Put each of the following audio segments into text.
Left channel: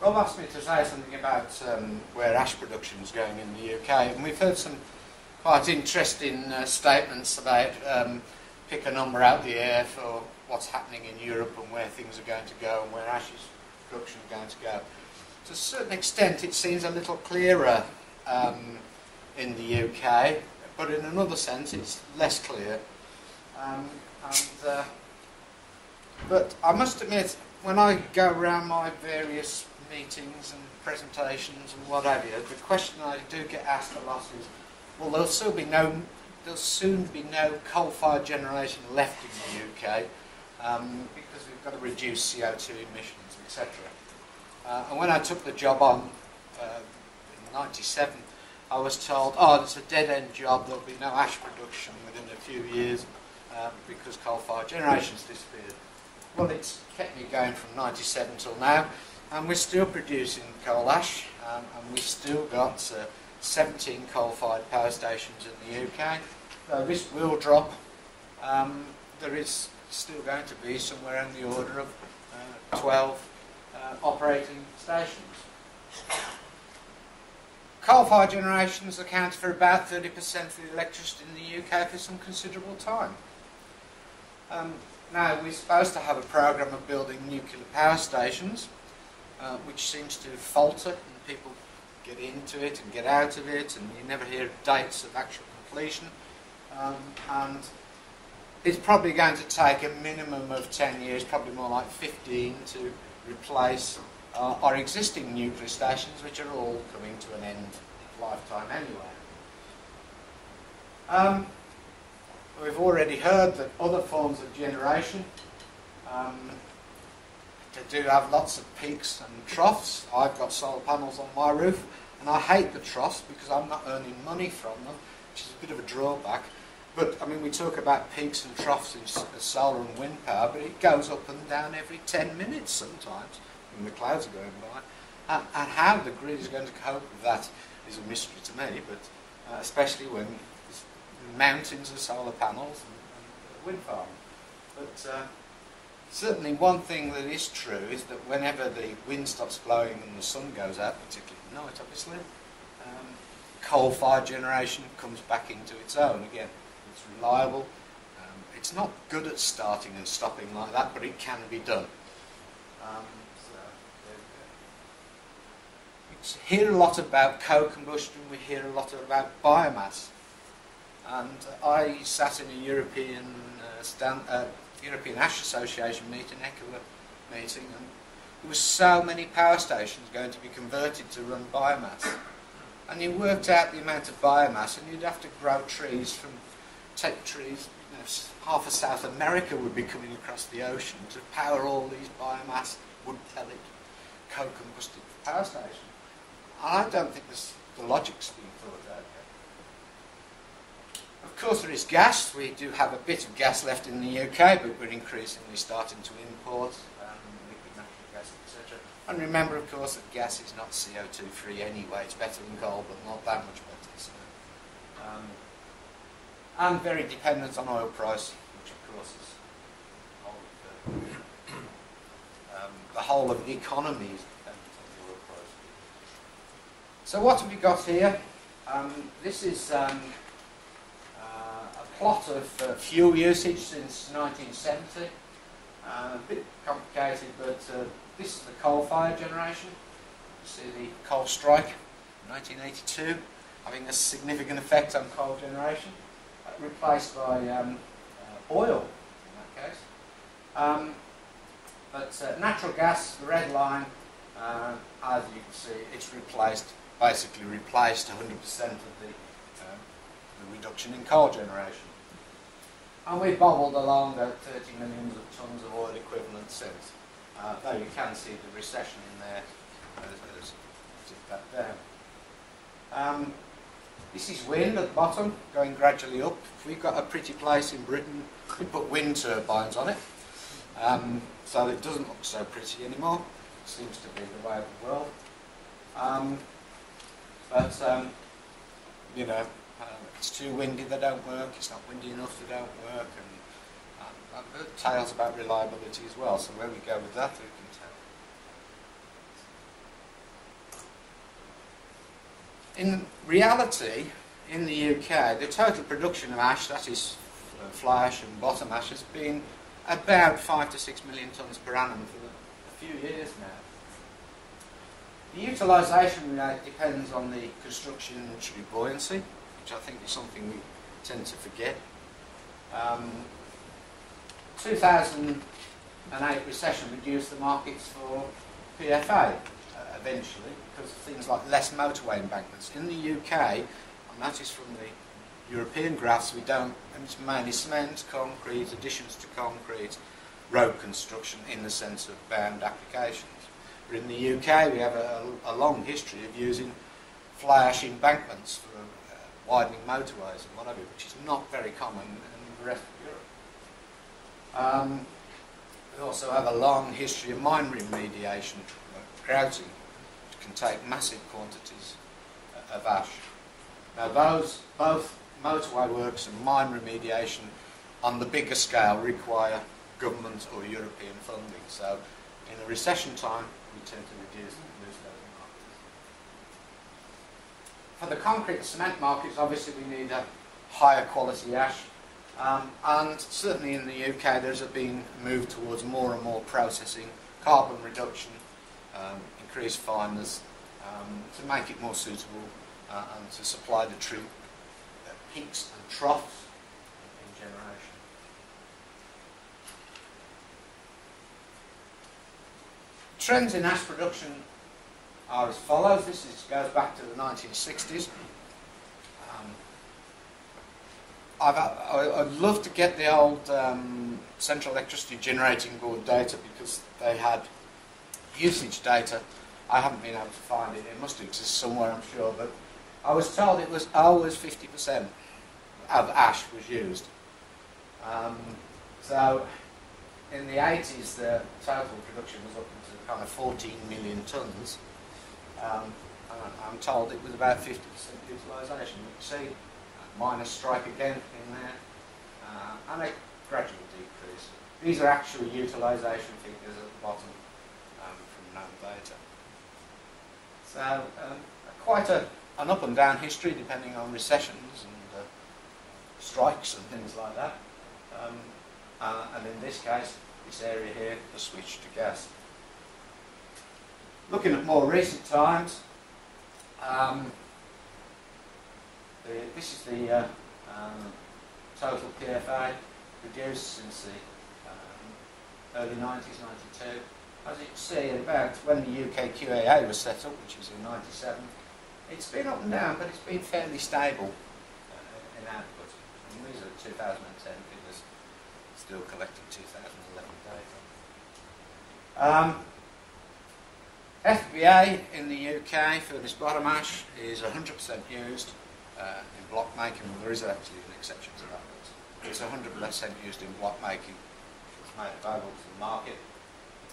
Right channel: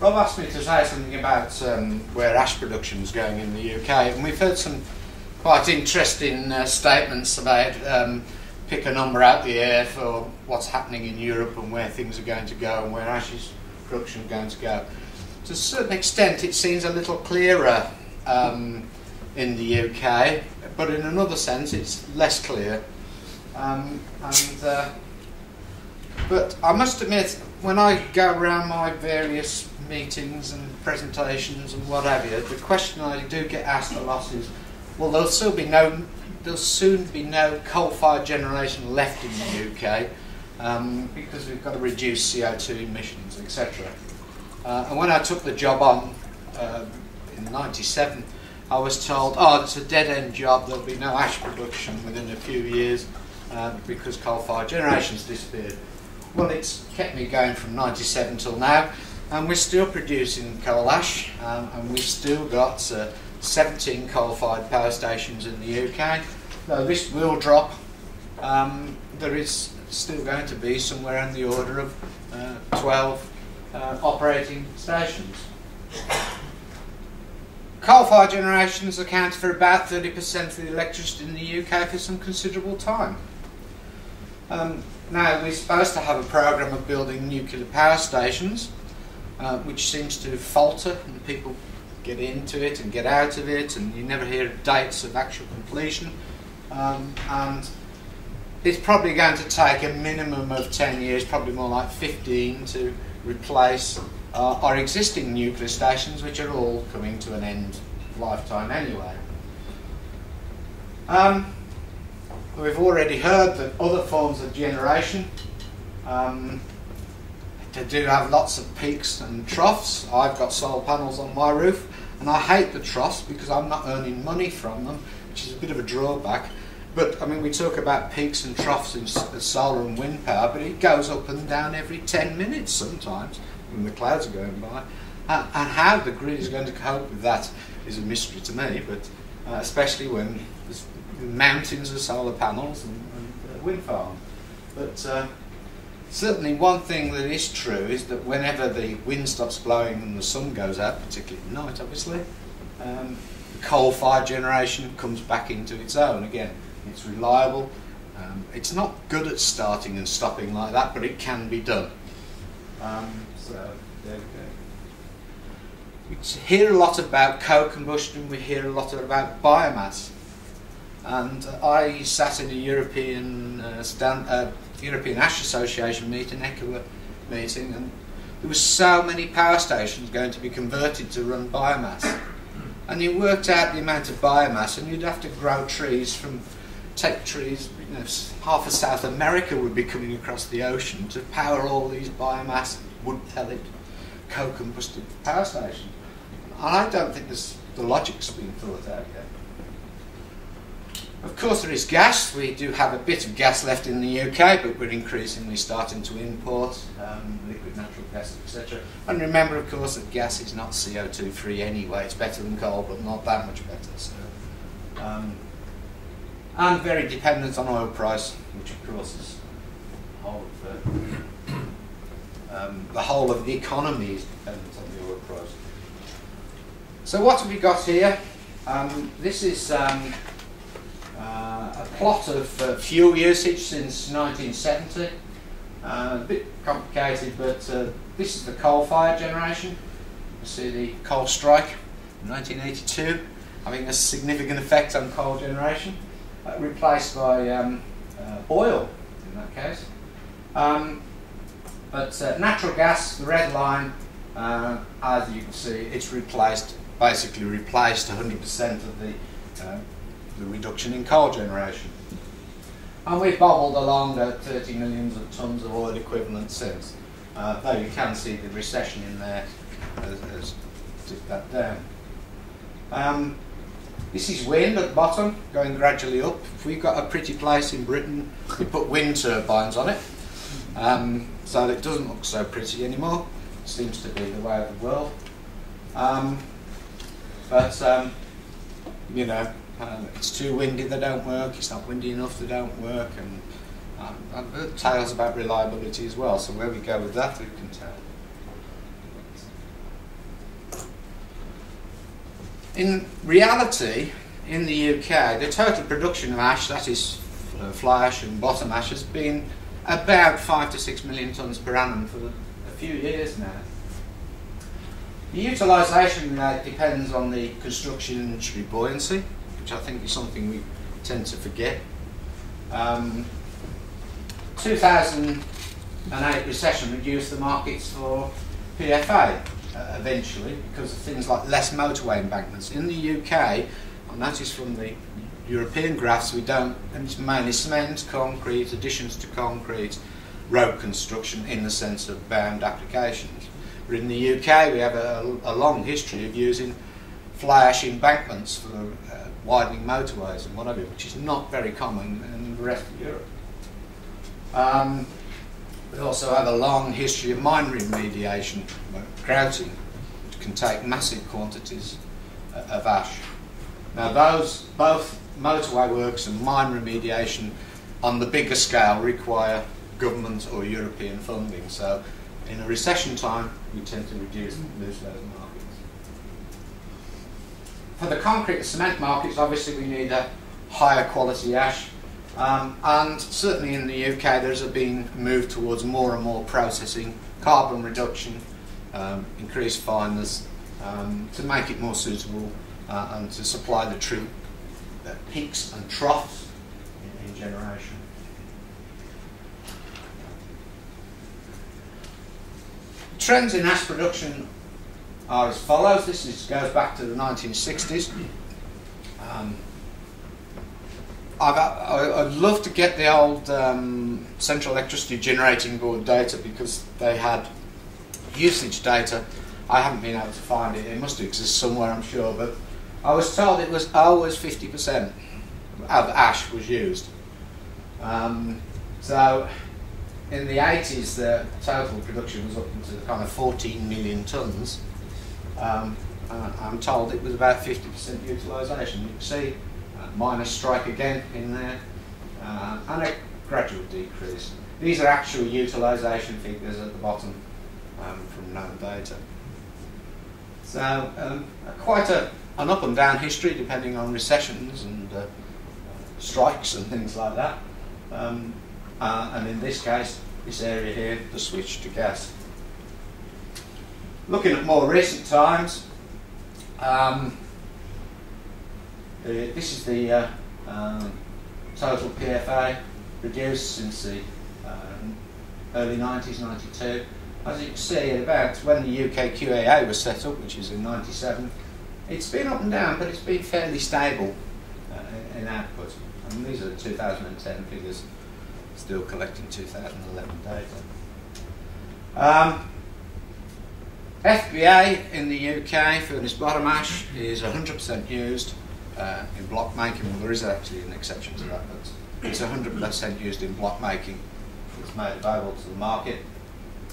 Rob asked me to say something about where ash production is going in the UK, and we've heard some quite interesting statements about pick a number out the air for what's happening in Europe and where things are going to go and where ash production is going to go. To a certain extent it seems a little clearer in the UK, but in another sense it's less clear. But I must admit, when I go around my various meetings and presentations and what have you, the question I do get asked a lot is, well, there'll soon be no coal-fired generation left in the UK because we've got to reduce CO2 emissions, etc. And when I took the job on in '97, I was told, oh, it's a dead-end job, there'll be no ash production within a few years because coal-fired generation's disappeared. Well, it's kept me going from '97 till now, and we're still producing coal ash, and we've still got 17 coal-fired power stations in the UK. Though this will drop, there is still going to be somewhere in the order of 12 operating stations. Coal-fired generations account for about 30% of the electricity in the UK for some considerable time. Now, we're supposed to have a programme of building nuclear power stations, which seems to falter, and people get into it and get out of it, and you never hear dates of actual completion. And it's probably going to take a minimum of 10 years, probably more like 15, to replace our existing nuclear stations, which are all coming to an end of lifetime anyway. We've already heard that other forms of generation they do have lots of peaks and troughs. I've got solar panels on my roof, and I hate the troughs because I'm not earning money from them, which is a bit of a drawback. But I mean, we talk about peaks and troughs in solar and wind power, but it goes up and down every 10 minutes sometimes when the clouds are going by. And how the grid is going to cope with that is a mystery to me, but especially when there's mountains of solar panels and wind farms. But certainly one thing that is true is that whenever the wind stops blowing and the sun goes out, particularly at night obviously, the coal-fired generation comes back into its own again. It's reliable. It's not good at starting and stopping like that, but it can be done. So there we go. We hear a lot about co-combustion, we hear a lot about biomass. And I sat in a European European Ash Association meeting, ECHA meeting, and there were so many power stations going to be converted to run biomass. And you worked out the amount of biomass, and you'd have to grow trees take trees, you know, half of South America would be coming across the ocean to power all these biomass, wood pellet, co-combusted power stations. I don't think the logic's been thought out yet. Of course there is gas. We do have a bit of gas left in the UK, but we're increasingly starting to import liquid natural gas, etc. And remember, of course, that gas is not CO2 free anyway. It's better than coal, but not that much better. So, and very dependent on oil price, which of course is the whole of the economy is dependent on the oil price. So what have we got here? This is a plot of fuel usage since 1970. A bit complicated, but this is the coal-fired generation. You see the coal strike in 1982 having a significant effect on coal generation, replaced by oil in that case. But natural gas, the red line, as you can see, it's basically replaced 100% of the reduction in coal generation. And we've bobbled along at 30 millions of tonnes of oil equivalent since. Though you can see the recession in there has tipped that down. This is wind at the bottom, going gradually up. If we've got a pretty place in Britain, we put wind turbines on it, so that it doesn't look so pretty anymore. It seems to be the way of the world. You know, it's too windy, they don't work. It's not windy enough, they don't work. And I've heard tales about reliability as well. So where we go with that, who can tell? In reality, in the UK, the total production of ash, that is fly ash and bottom ash, has been about 5 to 6 million tonnes per annum for a few years now. The utilisation rate depends on the construction industry buoyancy, which I think is something we tend to forget. 2008 recession reduced the markets for PFA eventually because of things like less motorway embankments. In the UK, I noticed from the European graphs, we don't, and it's mainly cement, concrete, additions to concrete, road construction in the sense of bound applications. But in the UK, we have a long history of using fly ash embankments for widening motorways and whatever, which is not very common in the rest of Europe. We also have a long history of mine remediation, grouting, which can take massive quantities of ash. Now both motorway works and mine remediation on the bigger scale require government or European funding, so in a recession time we tend to lose those markets. For the concrete and cement markets, obviously we need a higher quality ash, and certainly in the UK there's been a move towards more and more processing, carbon reduction, increased fineness, to make it more suitable and to supply the true peaks and troughs in generation. Trends in ash production are as follows. This goes back to the 1960s. I'd love to get the old Central Electricity Generating Board data because they had usage data. I haven't been able to find it. It must exist somewhere, I'm sure, but I was told it was always 50% of ash was used. So in the 80s, the total production was up into the kind of 14 million tonnes. I'm told it was about 50% utilisation. You can see minus strike again in there, and a gradual decrease. These are actual utilisation figures at the bottom from known data. So quite an up and down history depending on recessions and strikes and things like that. And in this case, this area here, the switch to gas. Looking at more recent times, this is the total PFA produced since the early 90s, 92. As you can see, about when the UK QAA was set up, which is in 97, it's been up and down, but it's been fairly stable in output. And these are the 2010 figures, still collecting 2011 data. FBA in the UK, furnace bottom ash, is 100% used in block making. Well, there is actually an exception to that, but it's 100% used in block making. It's made available to the market,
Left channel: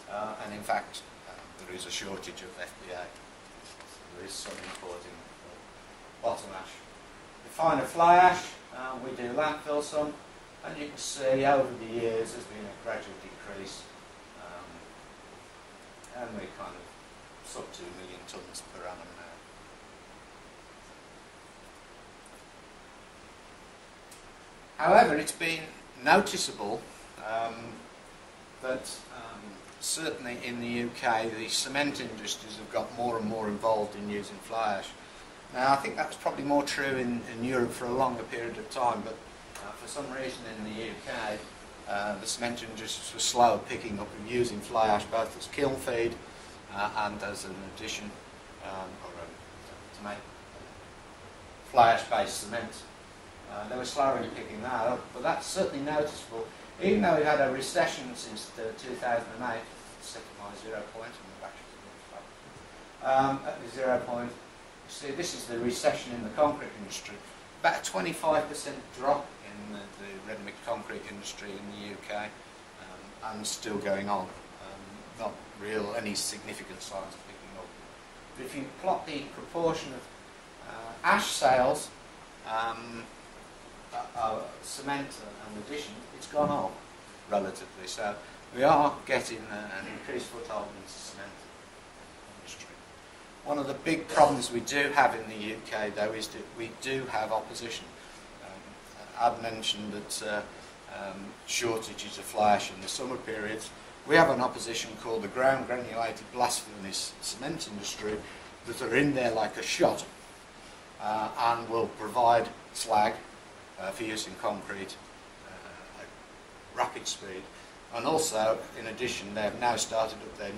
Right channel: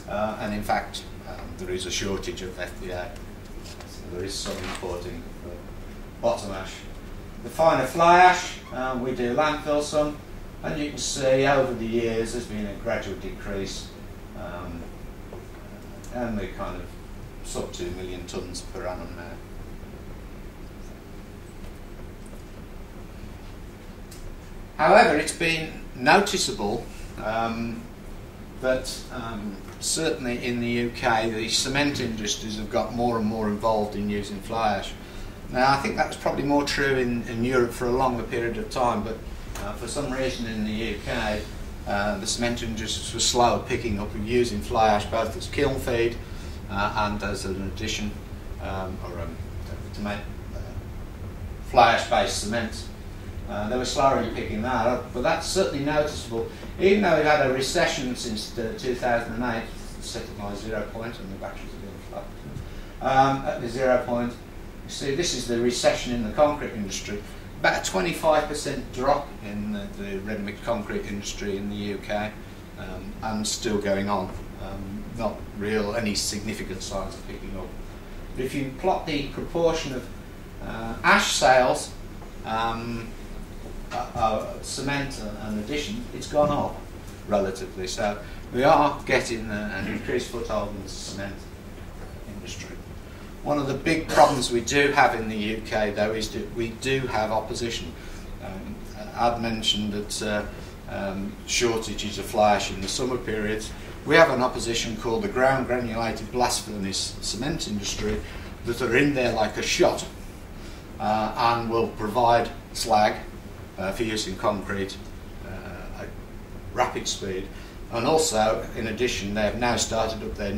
and in fact there is a shortage of FBA, so there is some importing for bottom ash. The finer fly ash, we do landfill some, and you can see over the years there's been a gradual decrease, and we're kind of sub 2 million tonnes per annum now. However, it's been noticeable that certainly in the UK the cement industries have got more and more involved in using fly ash. Now I think that was probably more true in Europe for a longer period of time, but for some reason in the UK the cement industries were slow at picking up and using fly ash both as kiln feed and as an addition to make fly ash based cement. They were slower in picking that up, but that's certainly noticeable. Even though we've had a recession since 2008, set at my 0 point, and the batteries are being flat. At the 0 point, you see this is the recession in the concrete industry. About a 25% drop in the ready-mix concrete industry in the UK, and still going on. Not any significant signs of picking up. But if you plot the proportion of ash sales, cement and addition, it's gone up relatively. So we are getting an increased foothold in the cement industry. One of the big problems we do have in the UK, though, is that we do have opposition. I've mentioned that shortages of fly ash in the summer periods. We have an opposition called the ground granulated blast furnace cement industry that are in there like a shot and will provide slag for use in concrete at rapid speed. And also, in addition, they have now started up their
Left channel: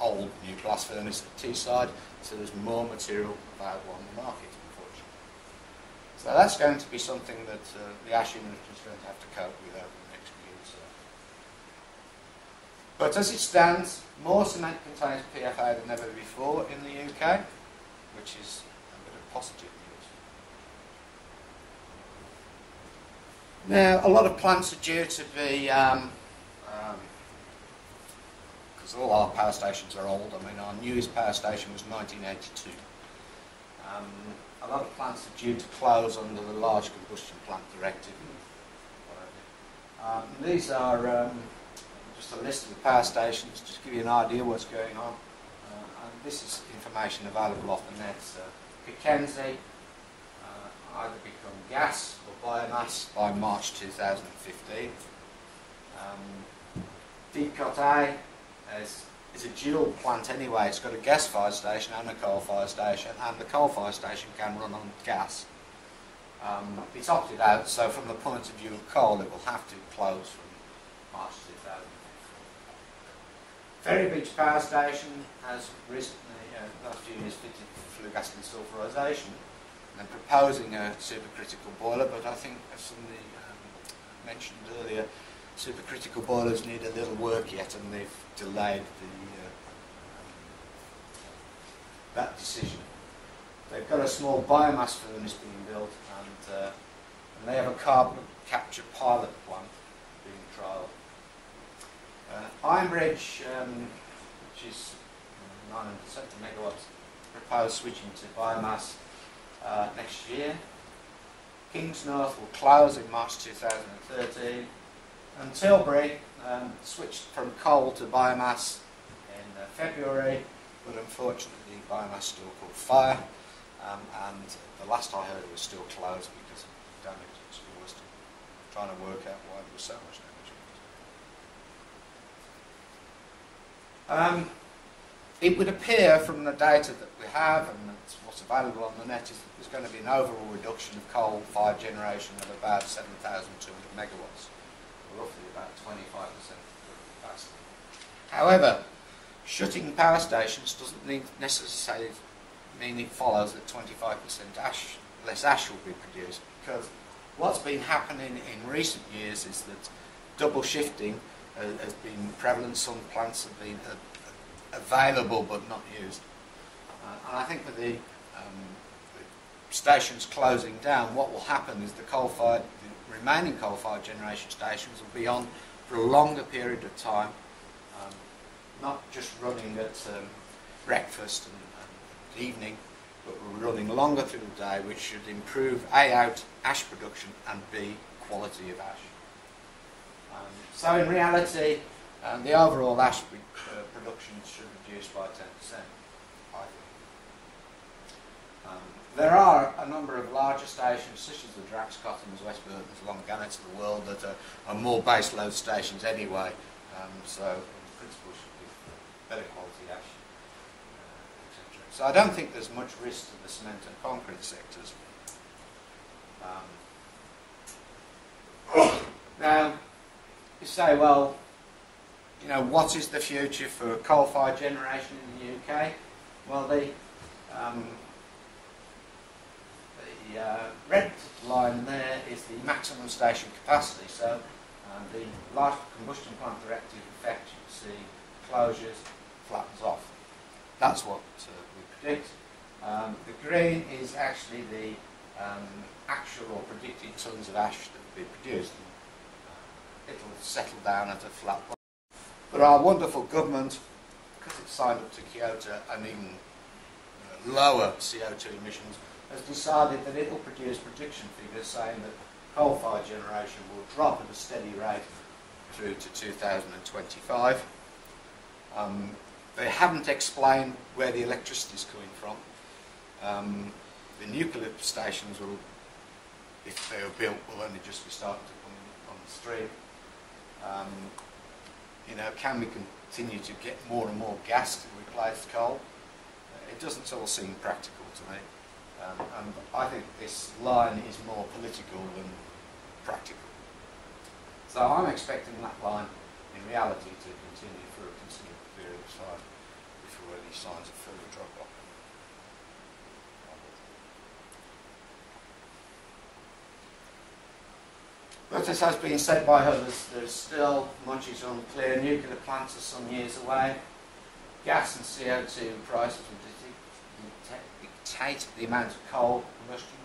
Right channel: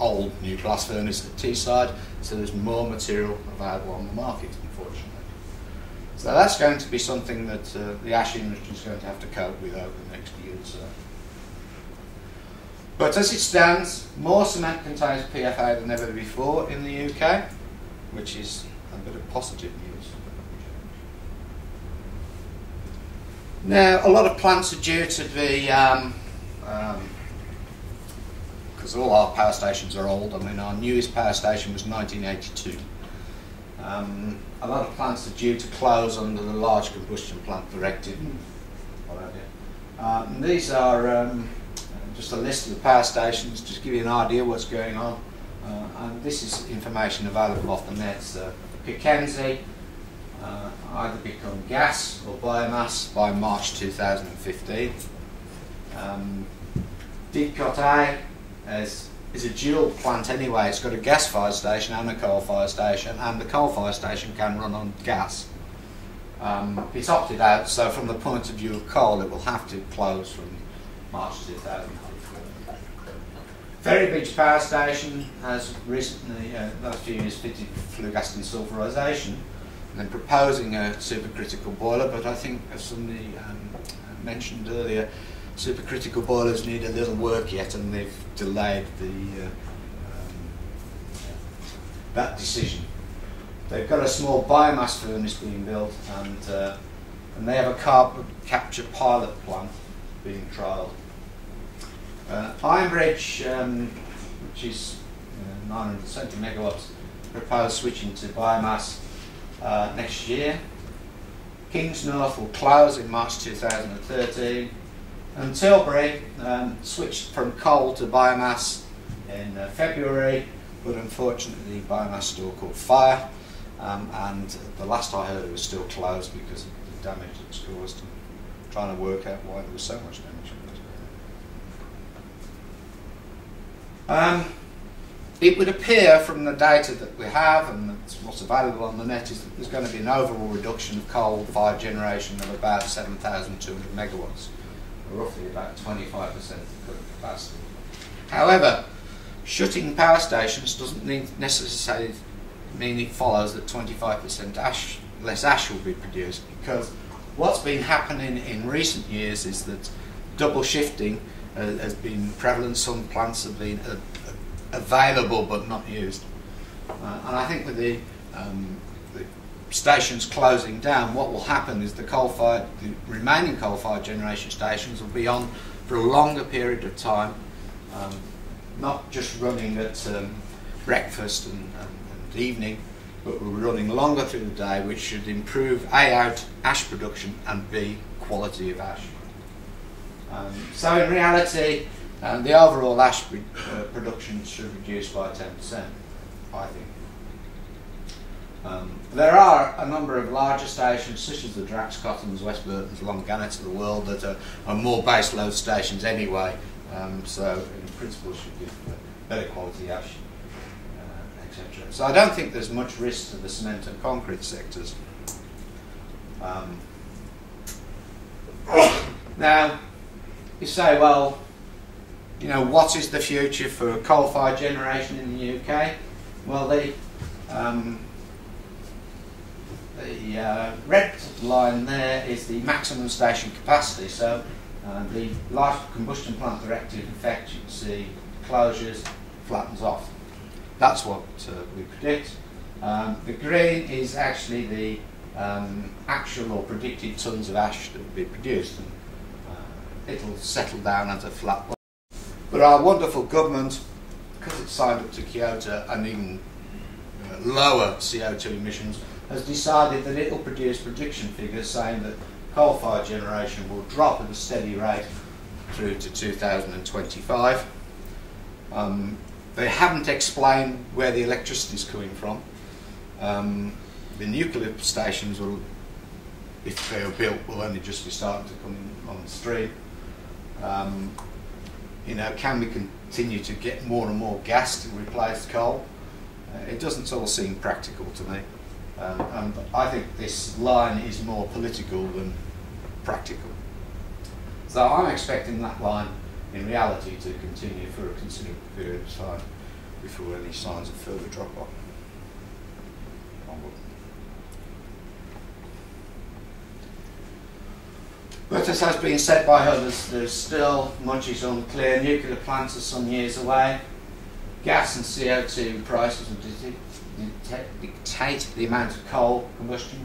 old new blast furnace at Teesside, so there's more material available on the market, unfortunately. So that's going to be something that the ash industry is going to have to cope with over the next year or so. But as it stands, more cement contains PFA than ever before in the UK, which is a bit of positive news. Now, a lot of plants are due to be, because all our power stations are old. I mean, our newest power station was 1982. A lot of plants are due to close under the Large Combustion Plant Directive. And these are just a list of the power stations, just to give you an idea what's going on. And this is information available off the net. So Pickenzie either become gas or biomass by March 2015. Didcot A is a dual plant anyway. It's got a gas-fired station and a coal-fired station, and the coal-fired station can run on gas. It's opted out, so from the point of view of coal, it will have to close from March 2015. Ferry Beach Power Station has recently, last few years, fitted flue gas desulfurisation, and then proposing a supercritical boiler, but I think, as somebody mentioned earlier, supercritical boilers need a little work yet, and they've delayed that decision. They've got a small biomass furnace being built, and they have a carbon capture pilot plant being trialled. Ironbridge, which is 970 megawatts, proposed switching to biomass next year. Kingsnorth will close in March 2013. And Tilbury switched from coal to biomass in February, but unfortunately biomass still caught fire, and the last I heard it was still closed because of the damage it was caused. I'm trying to work out why there was so much damage. It would appear from the data that we have and that's what's available on the net is that there's going to be an overall reduction of coal-fired generation of about 7,200 megawatts. Roughly about 25% of current capacity. However, shutting power stations doesn't necessarily mean it follows that 25% less ash will be produced, because what's been happening in recent years is that double shifting has been prevalent. Some plants have been available but not used. And I think with the stations closing down, what will happen is the remaining coal-fired generation stations will be on for a longer period of time, not just running at breakfast and evening, but will be running longer through the day, which should improve A, out ash production, and B, quality of ash. So in reality, the overall ash production should reduce by 10%, I think. There are a number of larger stations, such as the Drax, Cottons, West Burtons, Long Gannets of the world, that are more base load stations anyway, so in principle should give better quality ash, etc. So I don't think there's much risk to the cement and concrete sectors. Now, you say, well, you know, what is the future for coal-fired generation in the UK? Well, the red line there is the maximum station capacity. So the Large Combustion Plant Directive effect, you can see closures flattens off. That's what we predict. The green is actually the actual or predicted tonnes of ash that will be produced. And, it'll settle down at a flat line. But our wonderful government, because it's signed up to Kyoto and even lower CO2 emissions, has decided that it will produce prediction figures saying that coal-fired generation will drop at a steady rate through to 2025. They haven't explained where the electricity is coming from. The nuclear stations will, if they are built, will only just be starting to come on the stream. You know, can we continue to get more and more gas to replace coal? It doesn't all seem practical to me. And I think this line is more political than practical. So I'm expecting that line in reality to continue for a considerable period of time before any signs of further drop off. But as has been said by others, there's still much is unclear. Nuclear plants are some years away. Gas and CO2 prices will dictate the amount of coal combustion.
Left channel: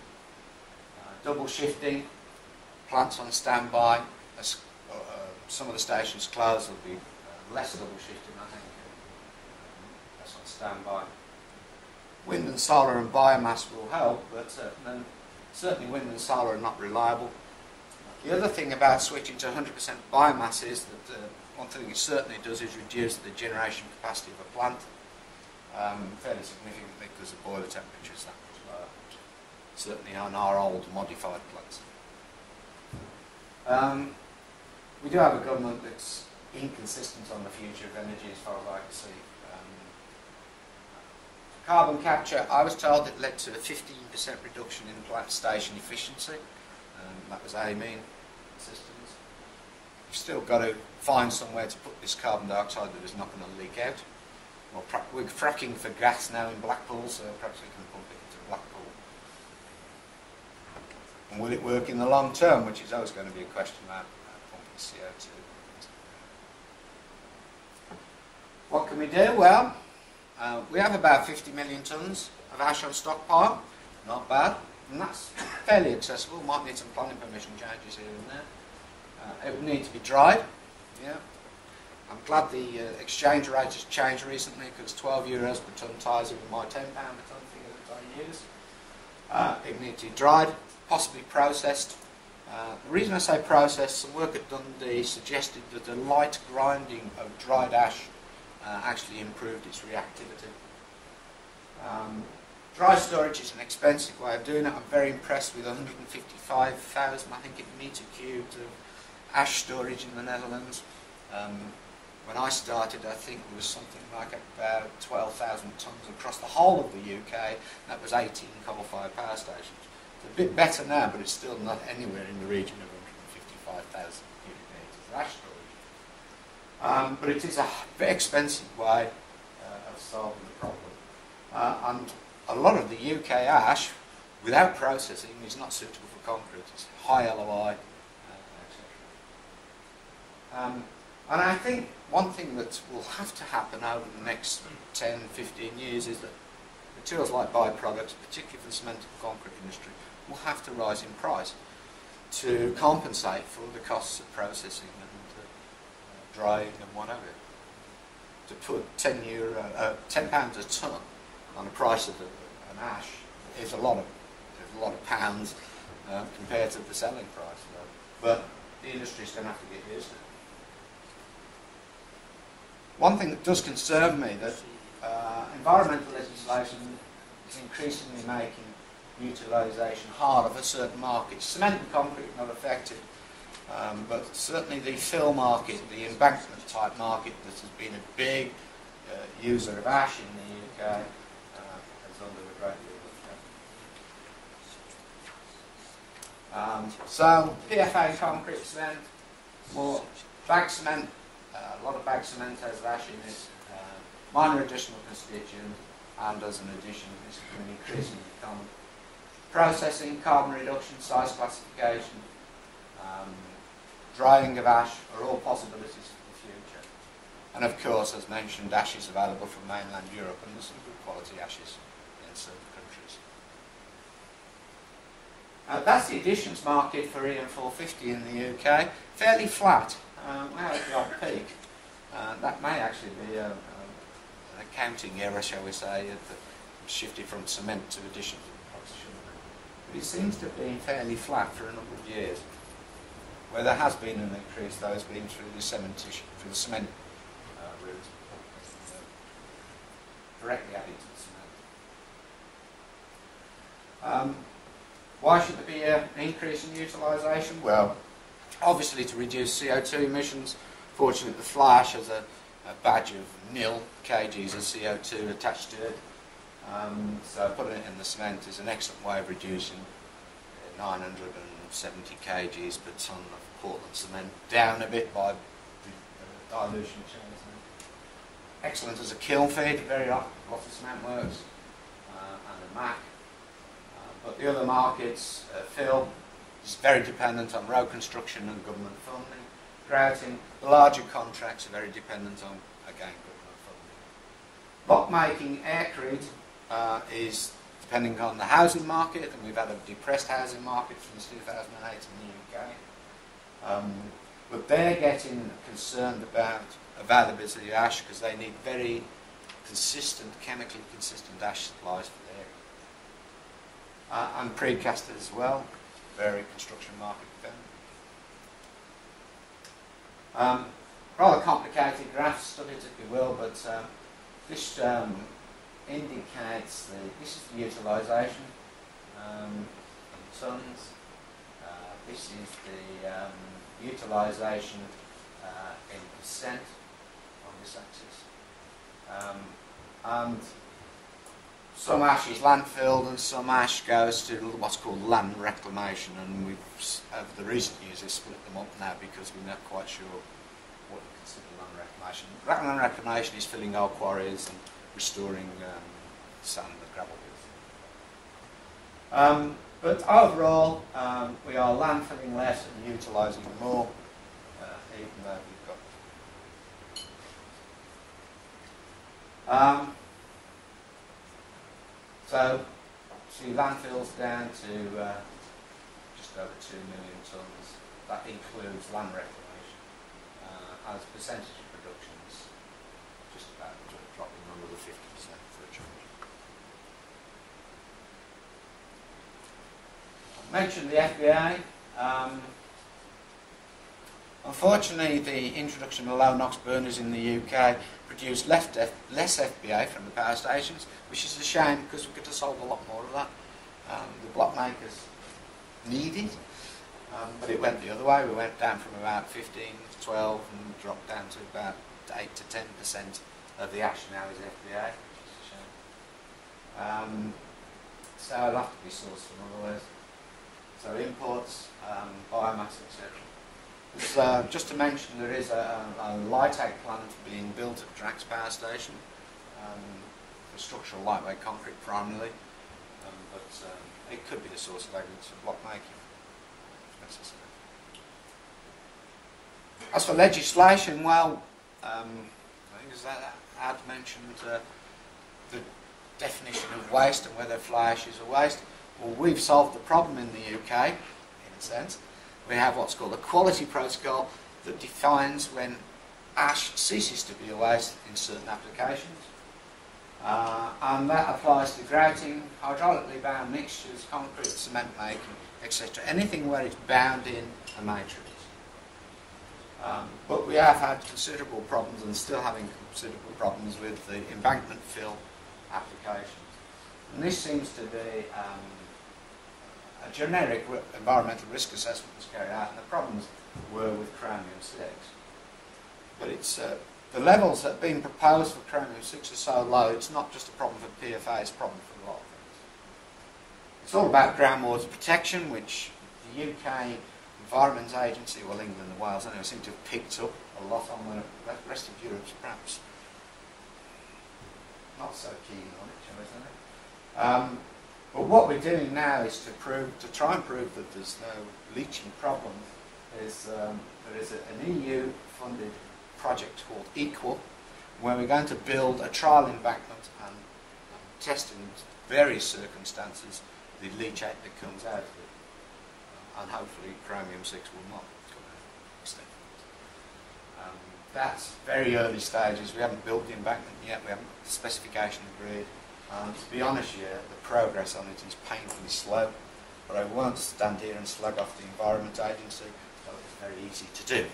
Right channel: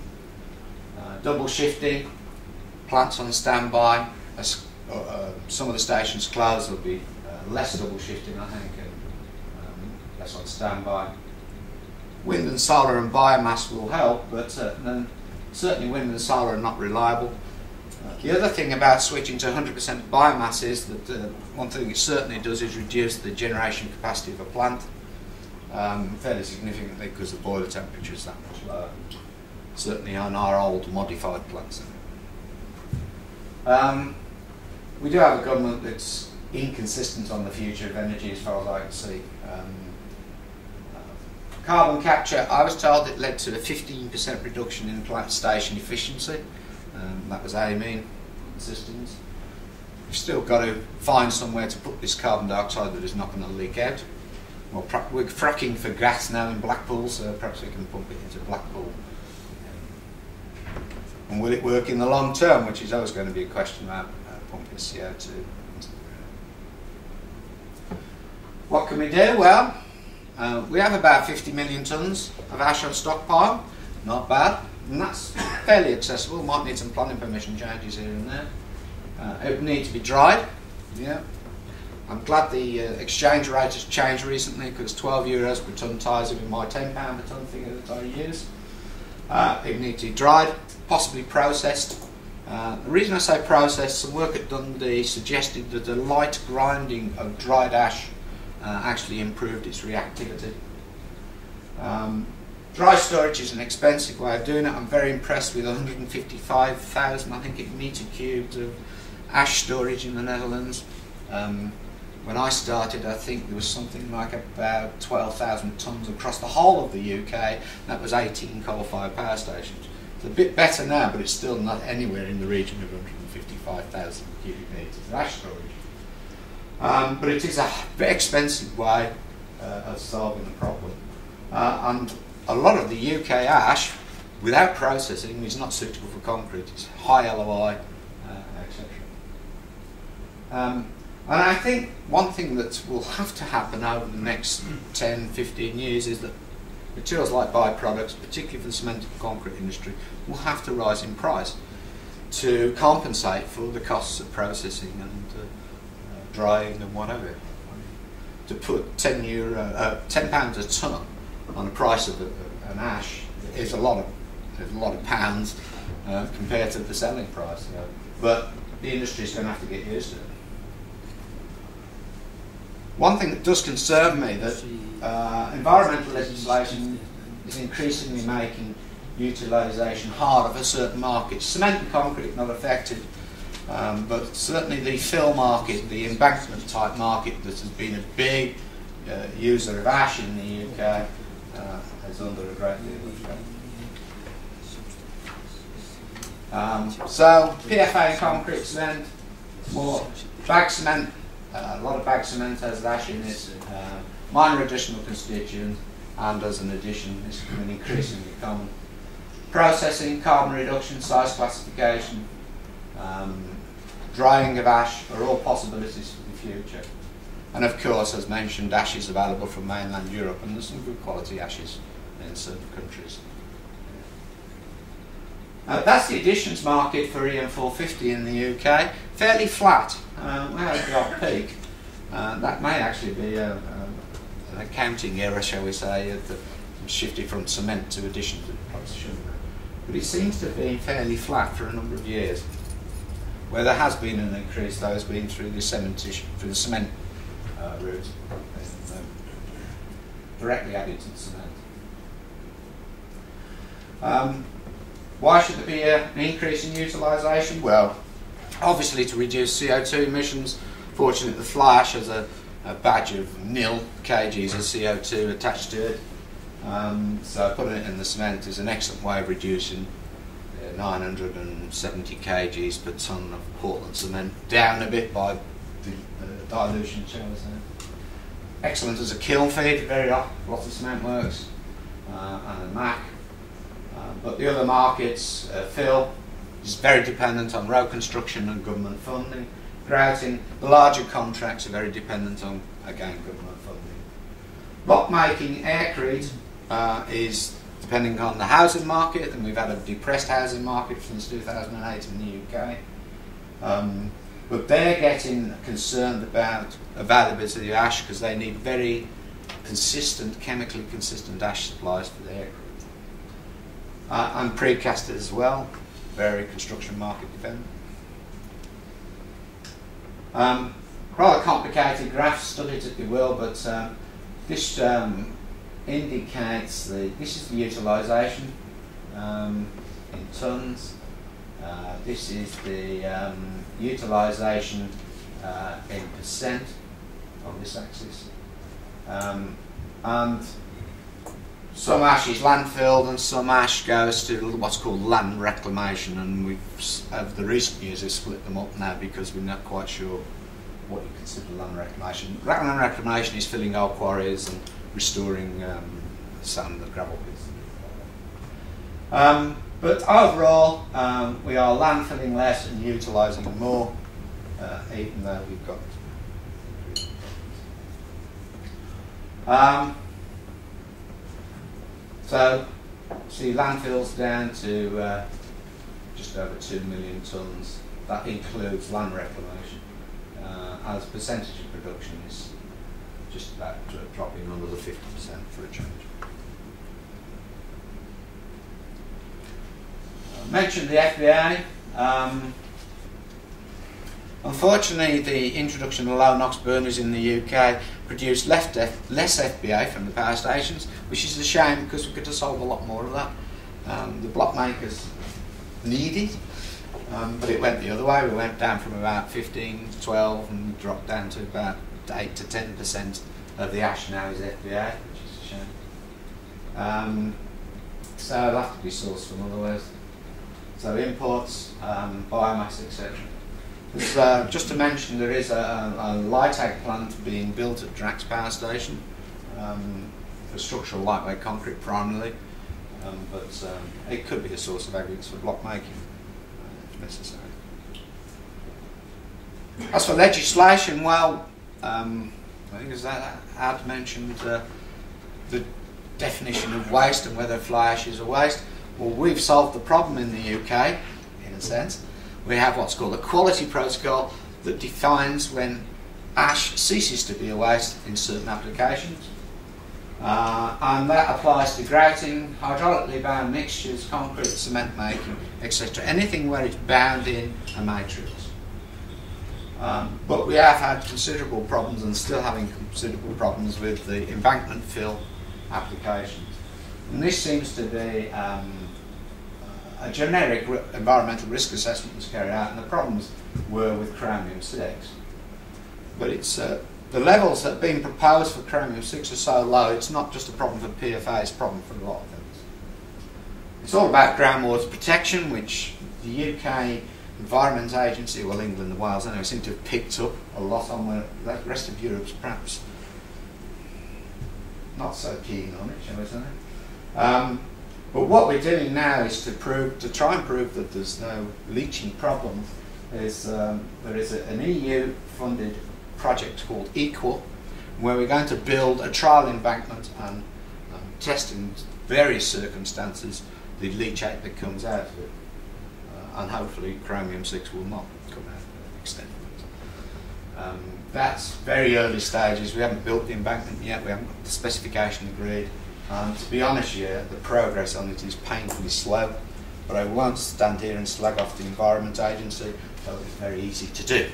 Double shifting, plants on standby. As some of the stations close, there'll be less double shifting, I think, and less on standby. Wind and solar and biomass will help, but certainly wind and solar are not reliable. The other thing about switching to 100% biomass is that one thing it certainly does is reduce the generation capacity of a plant fairly significantly, because the boiler temperature is that much lower, certainly on our old modified plants. We do have a government that's inconsistent on the future of energy as far as I can see. Carbon capture, I was told it led to a 15% reduction in plant station efficiency. That was amine systems. We've still got to find somewhere to put this carbon dioxide that is not going to leak out. Well, we're fracking for gas now in Blackpool, so perhaps we can pump it into Blackpool. And will it work in the long term, which is always going to be a question about pumping CO2. What can we do? Well, we have about 50 million tonnes of ash on stockpile. Not bad. And that's fairly accessible. Might need some planning permission changes here and there. It would need to be dried. Yeah. I'm glad the exchange rate has changed recently, because 12 euros per tonne ties in with my £10 per tonne figure that I use. It would need to be dried, possibly processed. The reason I say processed, some work at Dundee suggested that the light grinding of dried ash actually improved its reactivity. Dry storage is an expensive way of doing it. I'm very impressed with 155,000, I think, metre cubed of ash storage in the Netherlands. When I started, I think there was something like about 12,000 tonnes across the whole of the UK. That was 18 coal-fired power stations. It's a bit better now, but it's still not anywhere in the region of 155,000 cubic metres of ash storage. But it is a very expensive way of solving the problem. And a lot of the UK ash, without processing, is not suitable for concrete. It's high LOI, etc. And I think one thing that will have to happen over the next 10, 15 years is that materials like byproducts, particularly for the cement and concrete industry, will have to rise in price to compensate for the costs of processing and drying and whatever. To put £10 a tonne on the price of an ash is a lot of pounds compared to the selling price. But the industry is going to have to get used to it. One thing that does concern me, that environmental legislation is increasingly making utilisation harder for certain markets. Cement and concrete not affected, but certainly the fill market, the embankment type market that has been a big user of ash in the UK, is under a great deal of threat. So PFA and concrete cement, more bag cement. A lot of bag cement has ash in it, minor additional constituent, and as an addition, it's becoming increasingly common. Processing, carbon reduction, size classification, drying of ash are all possibilities for the future. And of course, as mentioned, ash is available from mainland Europe, and there's some good quality ashes in certain countries. That's the additions market for EM450 in the UK. Fairly flat. We had the odd peak. That may actually be an accounting error, shall we say, that shifted from cement to additions. But it seems to have been fairly flat for a number of years. Where there has been an increase, though, has been through the cement route. directly added to the cement. Why should there be an increase in utilisation? Well, obviously to reduce CO2 emissions. Fortunately, the fly ash has a badge of nil kgs of CO2 attached to it. So putting it in the cement is an excellent way of reducing 970 kgs per tonne of Portland cement down a bit by the dilution, shall we say. Excellent as a kiln feed, very lots of cement works, and a MAC. But the other markets, fill, is very dependent on road construction and government funding. Grouting, the larger contracts are very dependent on, again, government funding. Block making, aircrete, is depending on the housing market, and we've had a depressed housing market since 2008 in the UK. But they're getting concerned about availability of ash because they need very consistent, chemically consistent ash supplies for their aircrete. And precasters as well, very construction market dependent. Rather complicated graph, study it if you will, but this indicates this is the utilisation in tonnes. This is the utilisation in percent on this axis. And some ash is landfilled and some ash goes to what's called land reclamation, and we've, over the recent years, have split them up now because we're not quite sure what you consider land reclamation. Land reclamation is filling old quarries and restoring sand and gravel pits. But overall, we are landfilling less and utilising more, even though we've got. So, see, landfills down to just over 2 million tonnes. That includes land reclamation. As a percentage of production is just about dropping under the 50% for a change. I mentioned the FBA. Unfortunately, the introduction of low NOx burners in the UK produced less FBA from the power stations, which is a shame because we could have sold a lot more of that. The block makers need it, but it went the other way. We went down from about 15, 12 and dropped down to about 8 to 10% of the ash now is FBA, which is a shame. So it'll have to be sourced from other ways. So imports, biomass, etc. Just to mention, there is a light-ag plant being built at Drax Power Station for structural lightweight concrete primarily, but it could be a source of aggregates for block making if necessary. As for legislation, well, I think as Ad mentioned the definition of waste and whether fly ash is a waste. Well, we've solved the problem in the UK, in a sense. We have what's called a quality protocol that defines when ash ceases to be a waste in certain applications. And that applies to grouting, hydraulically bound mixtures, concrete, cement making, etc. Anything where it's bound in a matrix. But we have had considerable problems and still having considerable problems with the embankment fill applications. And this seems to be a generic environmental risk assessment was carried out, and the problems were with chromium-6. But it's the levels that have been proposed for chromium-6 are so low, it's not just a problem for PFA, it's a problem for a lot of things. It's all about groundwater protection, which the UK Environment Agency, well, England and Wales anyway, seem to have picked up a lot on, where the rest of Europe's perhaps not so keen on it, shall we say. But what we're doing now is to try and prove that there's no leaching problems. There is an EU-funded project called Equal, where we're going to build a trial embankment and test in various circumstances the leachate that comes out of it. And hopefully chromium-6 will not come out to that extent. That's very early stages. We haven't built the embankment yet, we haven't got the specification agreed. To be honest here, the progress on it is painfully slow, but I won't stand here and slag off the Environment Agency, though it's very easy to do.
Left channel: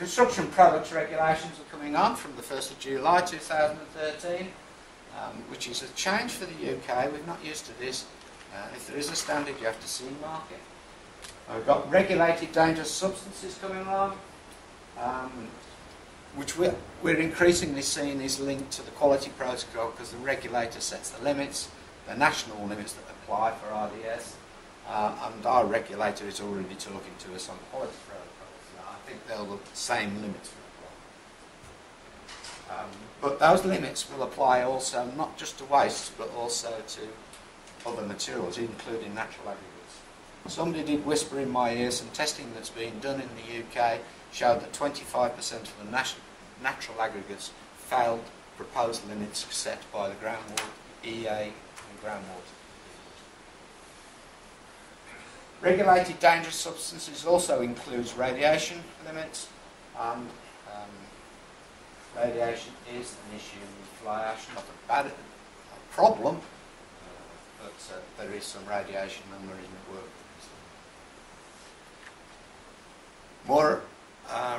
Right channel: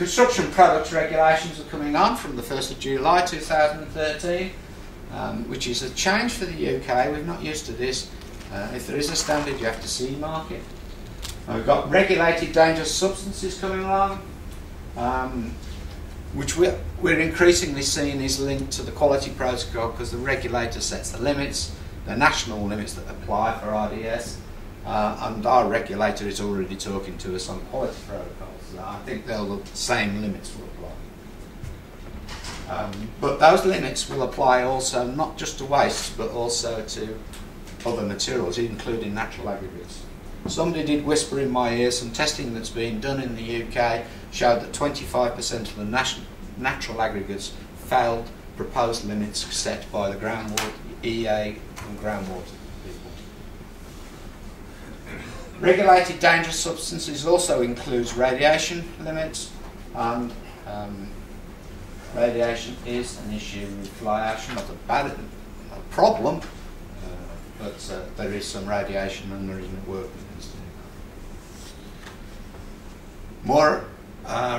Construction products regulations are coming on from the 1st of July 2013, which is a change for the UK. We're not used to this. If there is a standard, you have to CE mark it. We've got regulated dangerous substances coming along, which we're increasingly seeing is linked to the quality protocol, because the regulator sets the limits, the national limits that apply for RDS, and our regulator is already talking to us on quality protocols. I think the same limits will apply. But those limits will apply also not just to wastes, but also to other materials, including natural aggregates. Somebody did whisper in my ear, some testing that's been done in the UK showed that 25% of the natural aggregates failed proposed limits set by the groundwater EA and groundwater people. Regulated dangerous substances also includes radiation limits, and radiation is an issue with fly ash, not a problem, but there is some radiation and there isn't work. More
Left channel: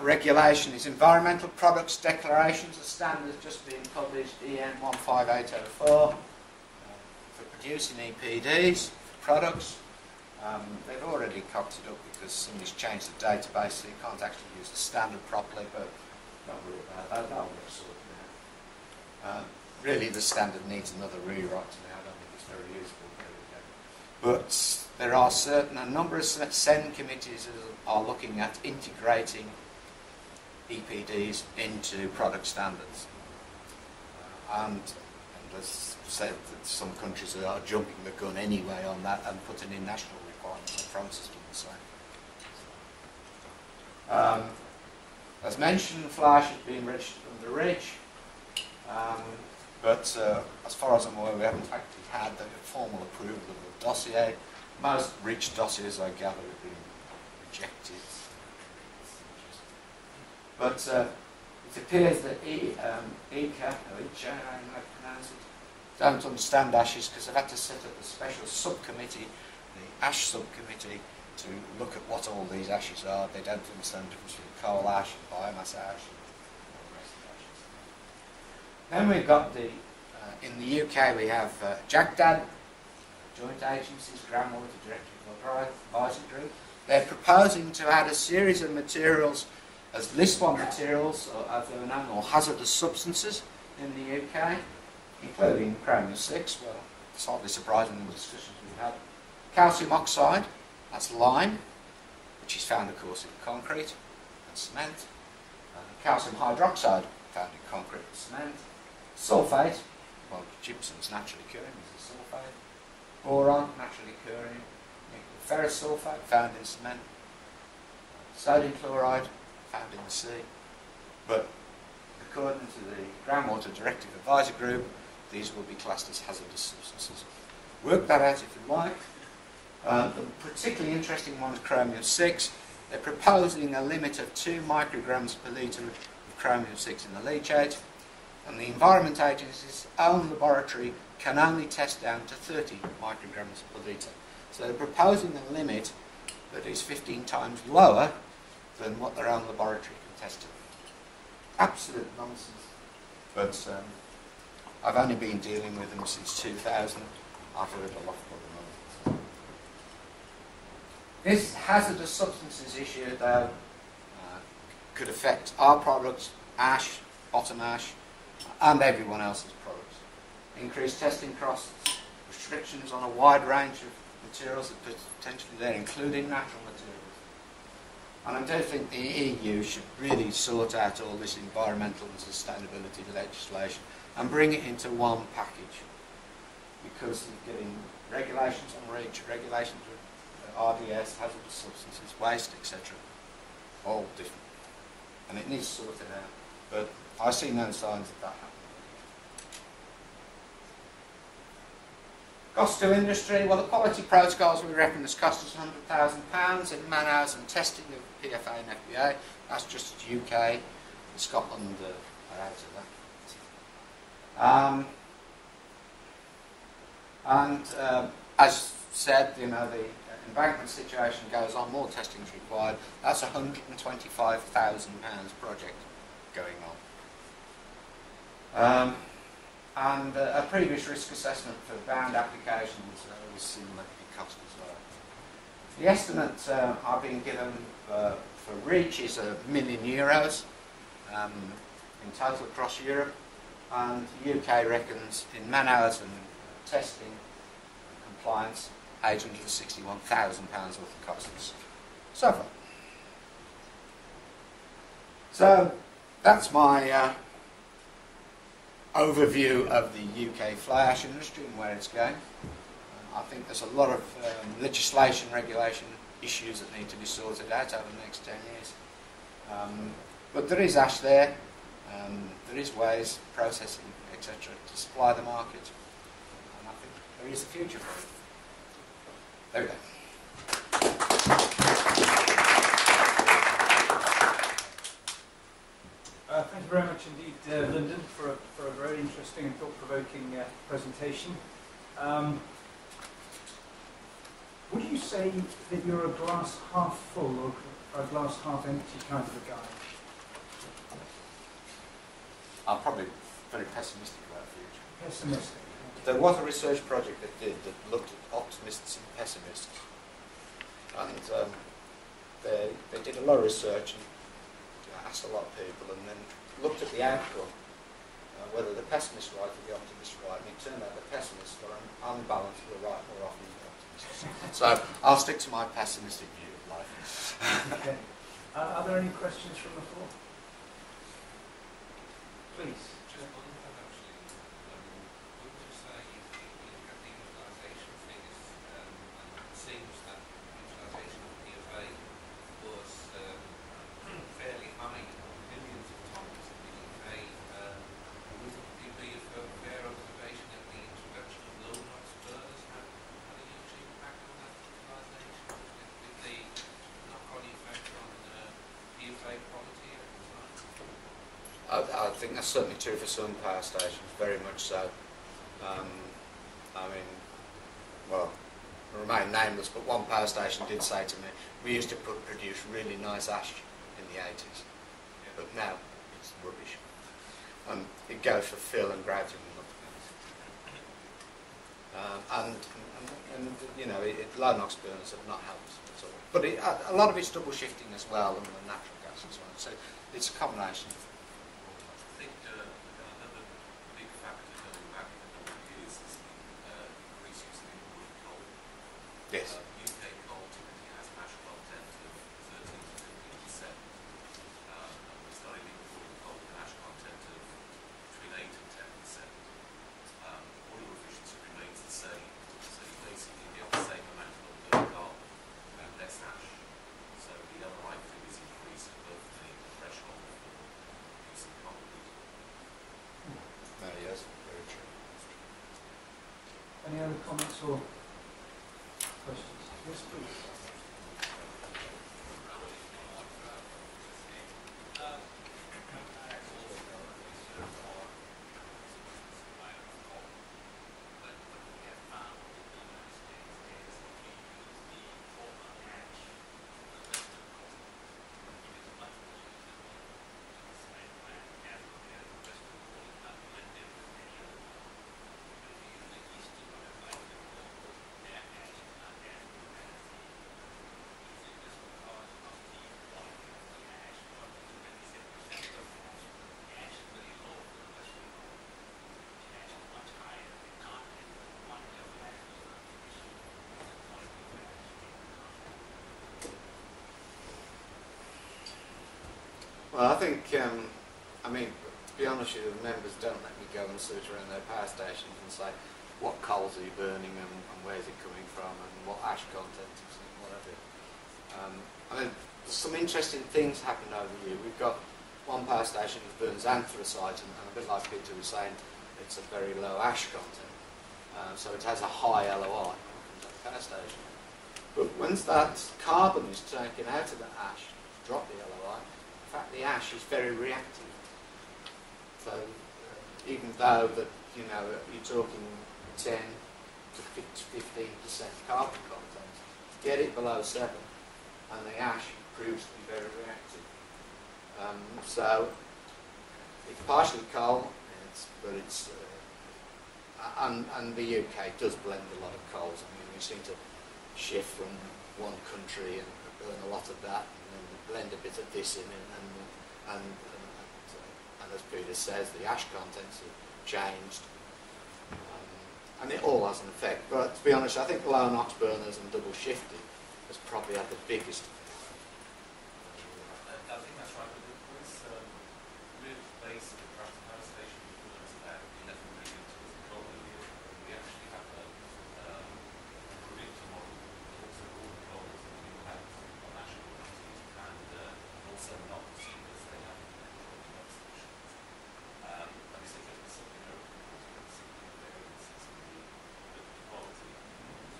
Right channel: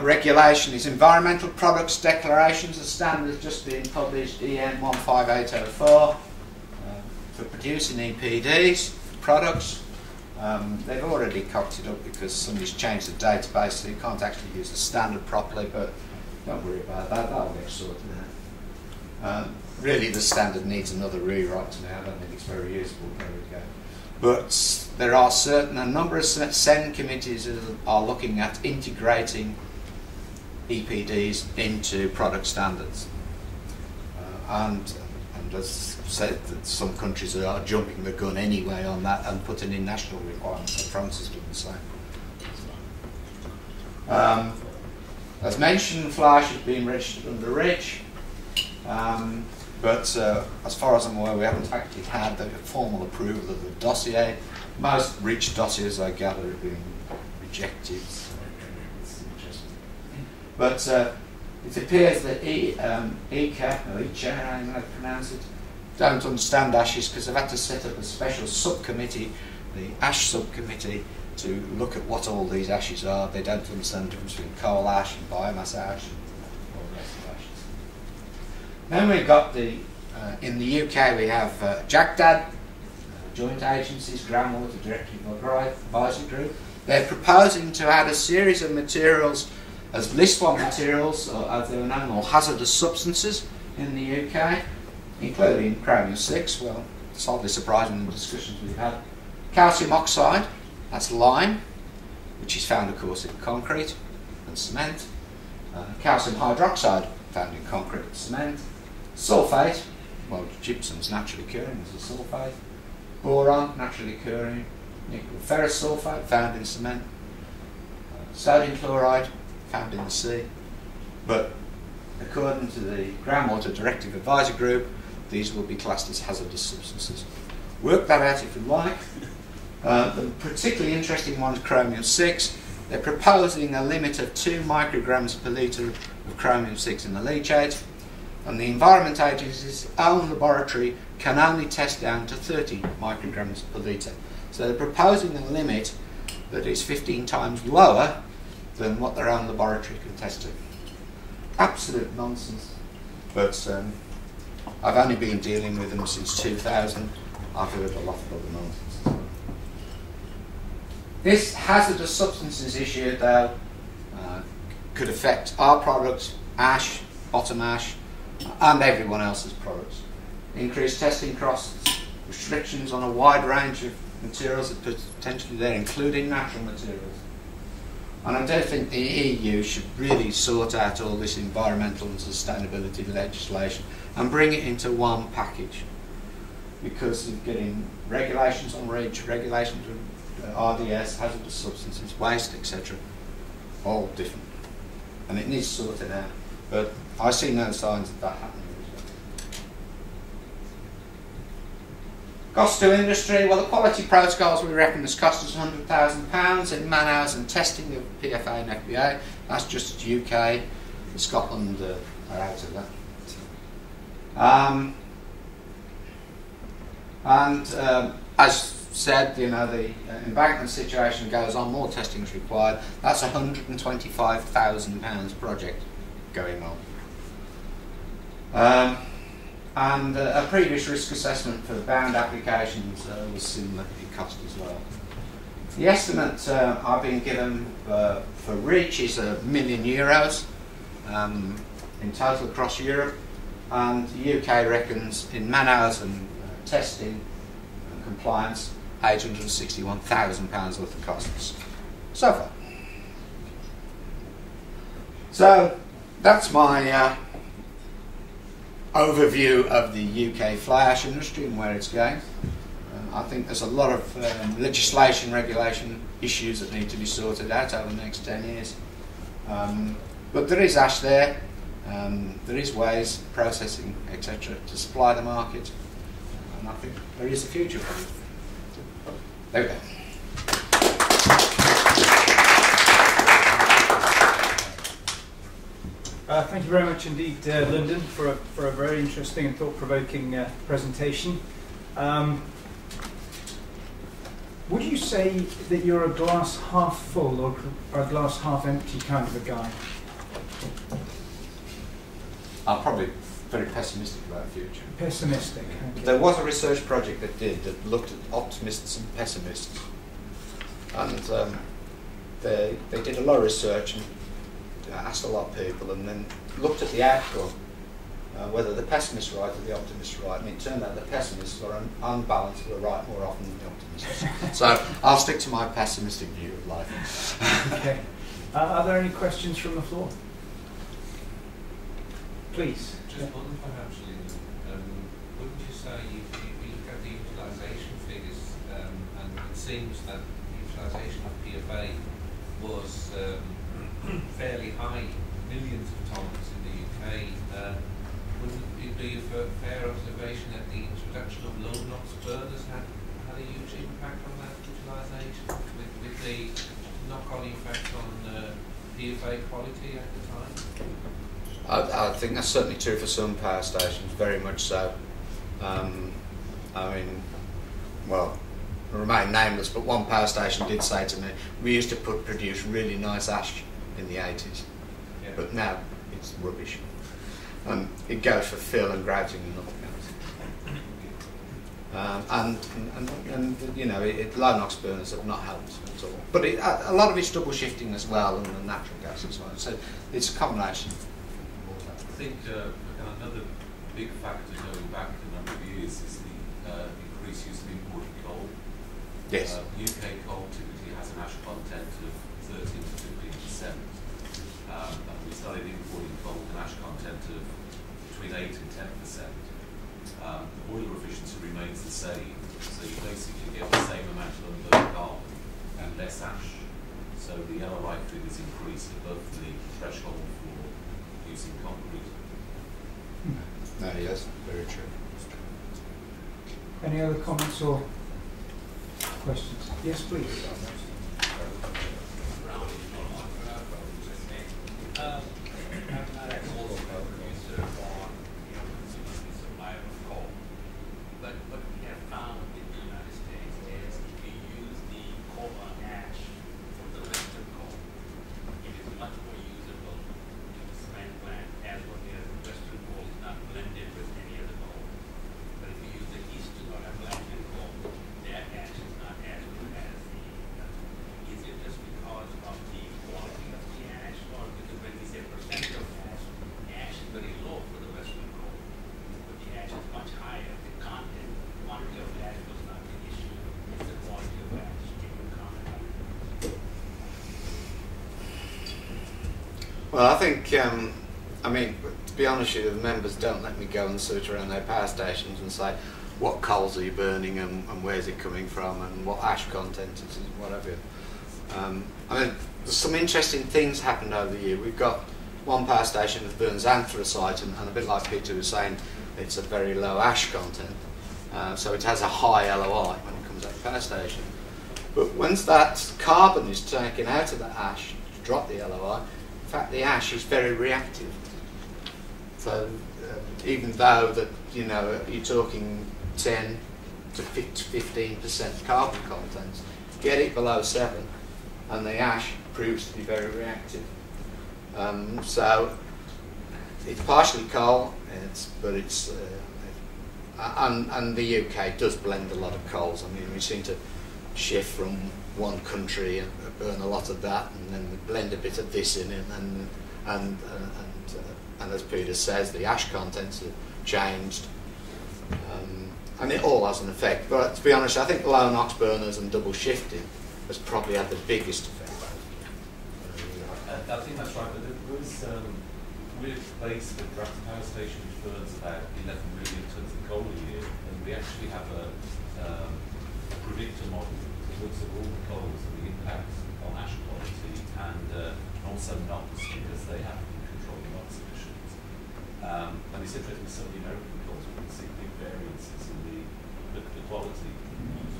regulation is environmental products declarations. The standard has just been published, EN 15804, for producing EPDs for products. They've already cocked it up because somebody's changed the database, so you can't actually use the standard properly, but don't worry about that, that'll get sorted out. Really the standard needs another rewrite now. I don't think it's very useful. There we go. But there are a number of CEN committees that are looking at integrating EPDs into product standards. And as I've said, that some countries are jumping the gun anyway on that and putting in national requirements. France is doing the same. As mentioned, fly ash is being registered under REACH. But as far as I'm aware, we haven't actually had the formal approval of the dossier. Most REACH dossiers, I gather, have been rejected. So it's interesting. But it appears that ICA, or ICA, I don't know how to pronounce it, don't understand ashes because they've had to set up a special subcommittee, the ash subcommittee, to look at what all these ashes are. They don't understand the difference between coal ash and biomass ash and all the rest of ashes. Then we've got in the UK we have JAGDAD, Joint Agencies Groundwater Directive Advisory Group. They're proposing to add a series of materials as List 1 materials, or as they were known, or hazardous substances in the UK, including chromium-6. Well, it's hardly surprising in the discussions we've had. Calcium oxide, that's lime, which is found, of course, in concrete and cement. Calcium hydroxide, found in concrete and cement. Sulfate, well, gypsum's naturally occurring as a sulfate. Boron, naturally occurring. Nickel ferrous sulfate, found in cement. Sodium chloride, found in the sea. But according to the Groundwater Directive Advisory Group, these will be classed as hazardous substances. Work that out if you like. The particularly interesting one is chromium-6. They're proposing a limit of 2 micrograms per litre of chromium-6 in the leachate, and the Environment Agency's own laboratory can only test down to 30 micrograms per litre. So they're proposing a limit that is 15 times lower than what their own laboratory can test to. Absolute nonsense. But I've only been dealing with them since 2000. I've heard a lot of other nonsense. This hazardous substances issue, though, could affect our products, ash, bottom ash, and everyone else's products. Increased testing costs, restrictions on a wide range of materials that potentially there, including natural materials. And I do think the EU should really sort out all this environmental and sustainability legislation and bring it into one package, because of getting regulations on REACH, regulations on RDS, hazardous substances, waste, etc. all different. And it needs sorted out. But I see no signs of that happening. Cost to industry, well, the quality protocols we reckon has cost us £100,000 in man hours and testing of PFA and FBA. That's just UK. Scotland are out of that. As said, you know, the embankment situation goes on, more testing is required. That's a £125,000 project going on. And a previous risk assessment for bound applications was similar in cost as well. The estimate I've been given for REACH is €1 million in total across Europe, and the UK reckons in man hours and testing and compliance £861,000 worth of costs so far. So that's my overview of the UK fly ash industry and where it's going. I think there's a lot of legislation, regulation issues that need to be sorted out over the next 10 years. But there is ash there, there is ways, processing, etc. to supply the market, and I think there is a future for it. There we go. Thank you very much indeed, Lindon, for a very interesting and thought-provoking presentation. Would you say that you're a glass half full or a glass half empty kind of a guy? I'm probably very pessimistic about the future. Pessimistic. Okay. There was a research project that looked at optimists and pessimists, and they did a lot of research and asked a lot of people, and then looked at the outcome, whether the pessimists were right or the optimists were right, and it turned out the pessimists were unbalanced, were right more often than the optimists. So I'll stick to my pessimistic view of life. Okay. Are there any questions from the floor? Please. Just one actually. Wouldn't you say you look at the utilisation figures, and it seems that utilisation of PFA was fairly high, millions of tonnes in the UK. Wouldn't it be a fair observation that the introduction of low NOx burners had a huge impact on that utilisation, with the knock-on effect on PFA quality at the time? I think that's certainly true for some power stations, very much so. I mean, well, I remain nameless, but one power station did say to me, we used to produce really nice ash in the 80s, but now it's rubbish. It goes for fill and grouting and nothing else. And you know, low NOx burners have not helped at all. But a lot of it's double shifting as well, and the natural gas as well. So it's a combination. I think another big factor going back a number of years is the increased use of imported coal. Yes. UK coal typically has an ash content of 13 to 15%, and we started importing coal with an ash content of between 8 and 10%. Water efficiency remains the same, so you basically get the same amount of unburned carbon and less ash. So the LRI figures increase above the threshold for using concrete. No, yes, very true. Any other comments or questions? Yes, please. Well, I think, I mean, to be honest with you, the members don't let me go and search around their power stations and say, what coals are you burning and where's it coming from and what ash content is and whatever. I mean, there's some interesting things happened over the year. We've got one power station that burns anthracite, and a bit like Peter was saying, it's a very low ash content. So it has a high LOI when it comes out of the power station. But once that carbon is taken out of the ash to drop the LOI, in fact the ash is very reactive. So even though that, you know, you're talking 10, to 15% carbon content. Get it below 7 and the ash proves to be very reactive. So it's partially coal, but it's and the UK does blend a lot of coals. I mean, we seem to shift from one country and burn a lot of that, and then blend a bit of this in it, and as Peter says, the ash contents have changed, and it all has an effect. But to be honest, I think low NOx burners and double shifting has probably had the biggest effect. I think that's right. With base with Grafton Power Station burns about 11 million tonnes of coal a year, and we actually have a predictor model that looks at all the coals and the impact on ash quality and also NOx, because they have to control the NOx emissions. And it's interesting, some of the American coals, we can see big variances in the quality,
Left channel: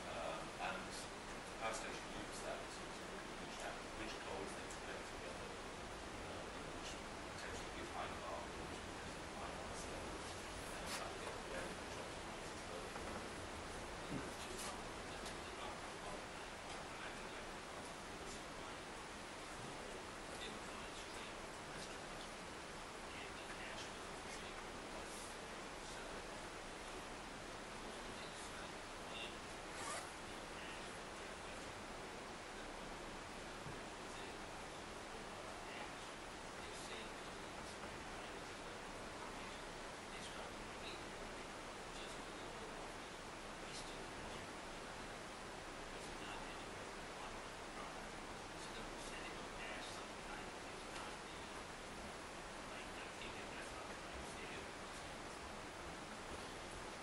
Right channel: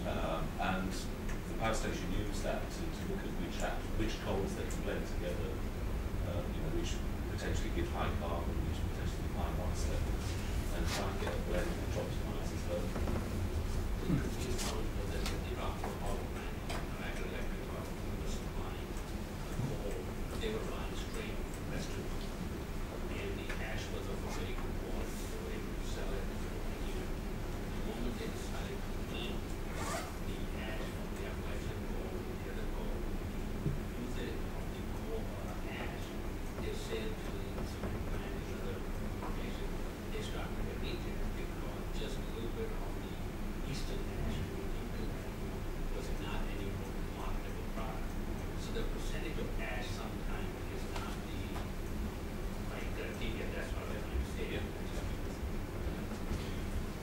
and the power station used that to look at which coals they can blend together, which potentially give high carbon, which potentially high NOx levels, and try and get a blend which optimizes those.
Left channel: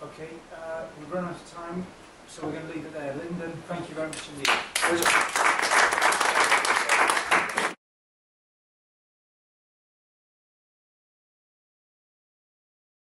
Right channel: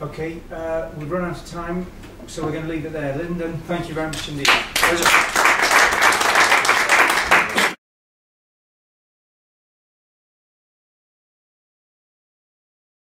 Okay, we've run out of time, so we're going to leave it there. Lindon, thank you very much indeed. Pleasure.